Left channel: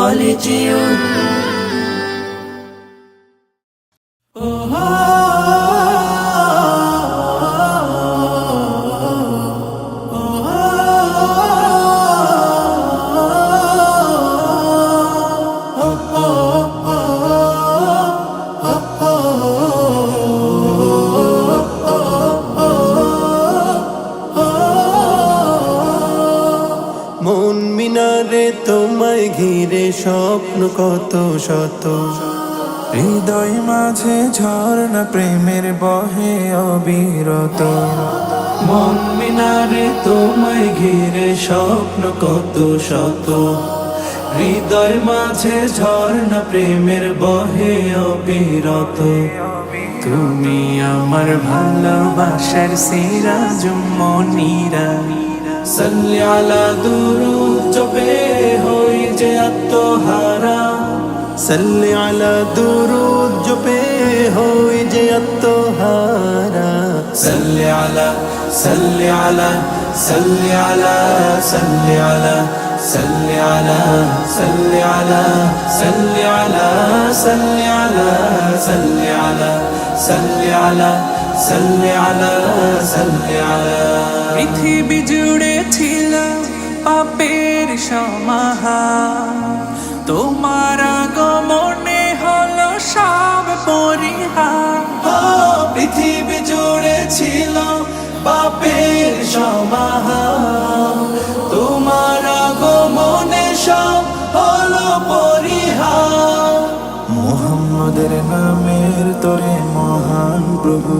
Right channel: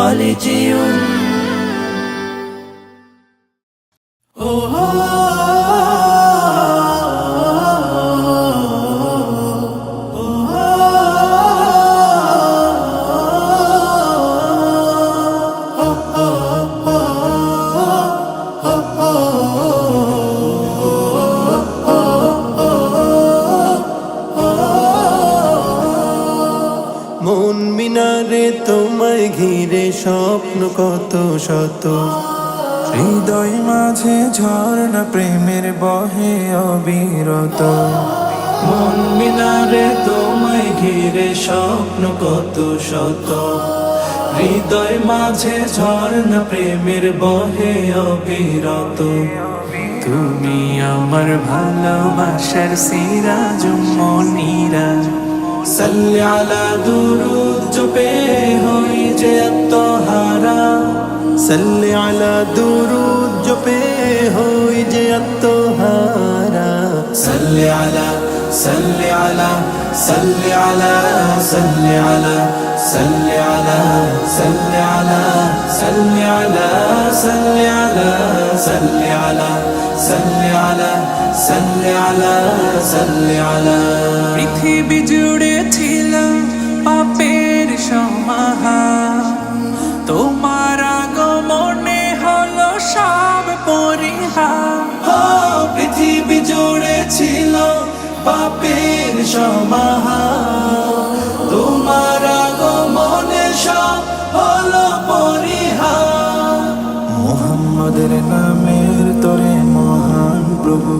خالدون মন মিনারে তোমায় ঘিরে স্বপ্ন কত শত, হৃদয় মাঝে ঝর্ণা প্রেমের বহে অবিরত। মন মিনারে তোমায় ঘিরে স্বপ্ন কত শত, হৃদয় মাঝে ঝর্ণা প্রেমের বহে অবিরত। তুমি আমার ভালোবাসার সিরাজ মনিরা, সাল্লি আলা দুরুদ জপে হই যে আত্মহারা, সাল্লি আলা দুরুদ জপে হই যে আত্মহারা। সাল্লি আলা সাল্লি আলা সাল্লি আলা সাল্লি আলা সাল্লি আলা সাল্লি আলা সাল্লি আলা সাল্লি আলা সাল্লি আলা সাল্লি আলা সাল্লি আলা সাল্লি আলা। পৃথিবী জুড়ে ছিল পাপের সমাহার, তোমার আগমনে হলো সব পরিহার। পৃথিবী জুড়ে ছিল পাপের সমাহার, তোমার আগমনে সব হলো পরিহার। মুহাম্মাদের নামের তরে মহান প্রভু,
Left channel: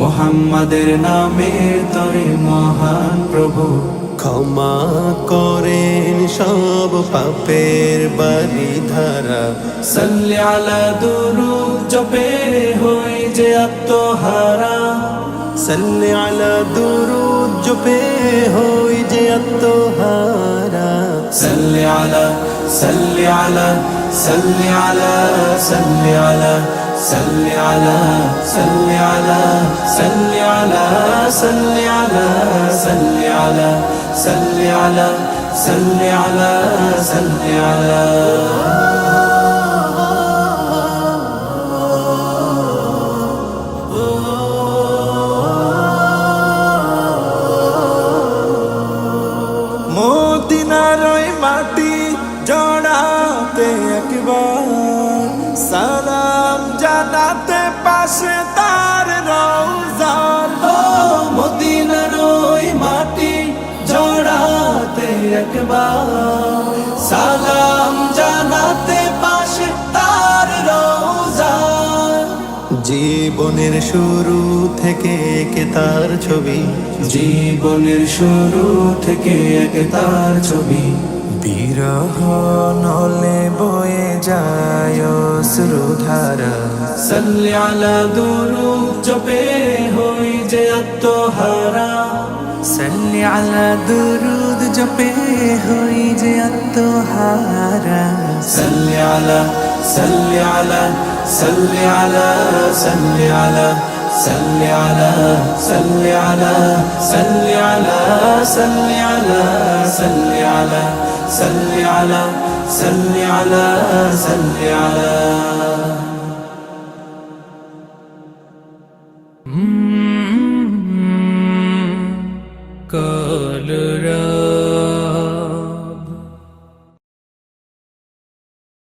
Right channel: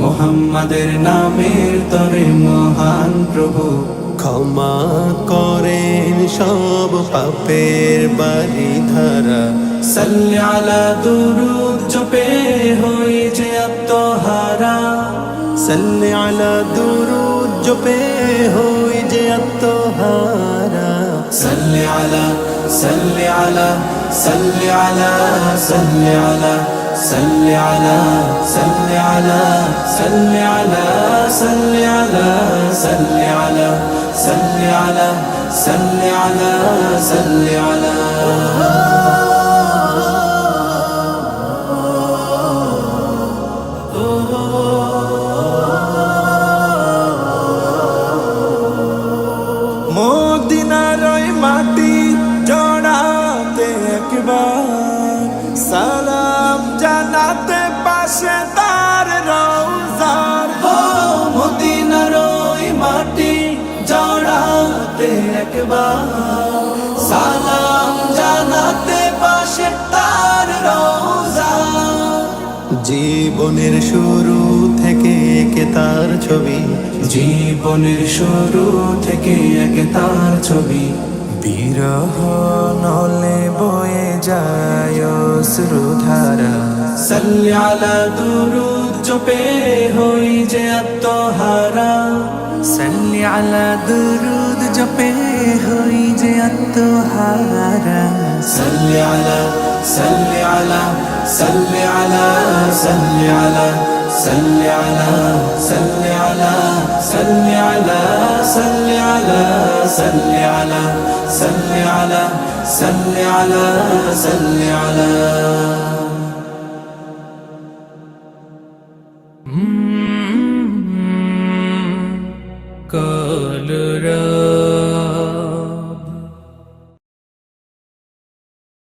মুহাম্মাদের নামের তরে মহান প্রভু, ক্ষমা করেন সব পাপের বারিধারা। সাল্লি আলা দুরুদ জপে হই যে আত্মহারা, সাল্লি আলা দুরুদ জপে হই যে আত্মহারা। সাল্লি আলা সাল্লি আলা সাল্লি আলা সাল্লি আলা সাল্লি আলা সাল্লি আলা সাল্লি আলা সাল্লি আলা সাল্লি আলা সাল্লি আলা সাল্লি আলা সাল্লি আলা। মদিনার ওই মাটি জড়াতে একবার, সালাম জানাতে পাশে তার রওজার। মদিনার ওই মাটি জড়াতে একবার, সালাম জানাতে পাশে তার রওজার। জীবনের শুরু থেকে একে তার ছবি, জীবনের শুরু থেকে একে তার ছবি। বিরহ নলে বয়ে যায় অশ্রুধারা, সাল্লি আলা দুরুদ জপে হই যে আত্মহারা, সাল্লি আলা দুরুদ জপে হই যে আত্মহারা। সাল্লি আলা সাল্লি আলা সাল্লি আলা সাল্লি আলা সাল্লি আলা সাল্লি আলা সাল্লি আলা সাল্লি আলা সাল্লি আলা সাল্লি আলা সাল্লি আলা সাল্লি আলা।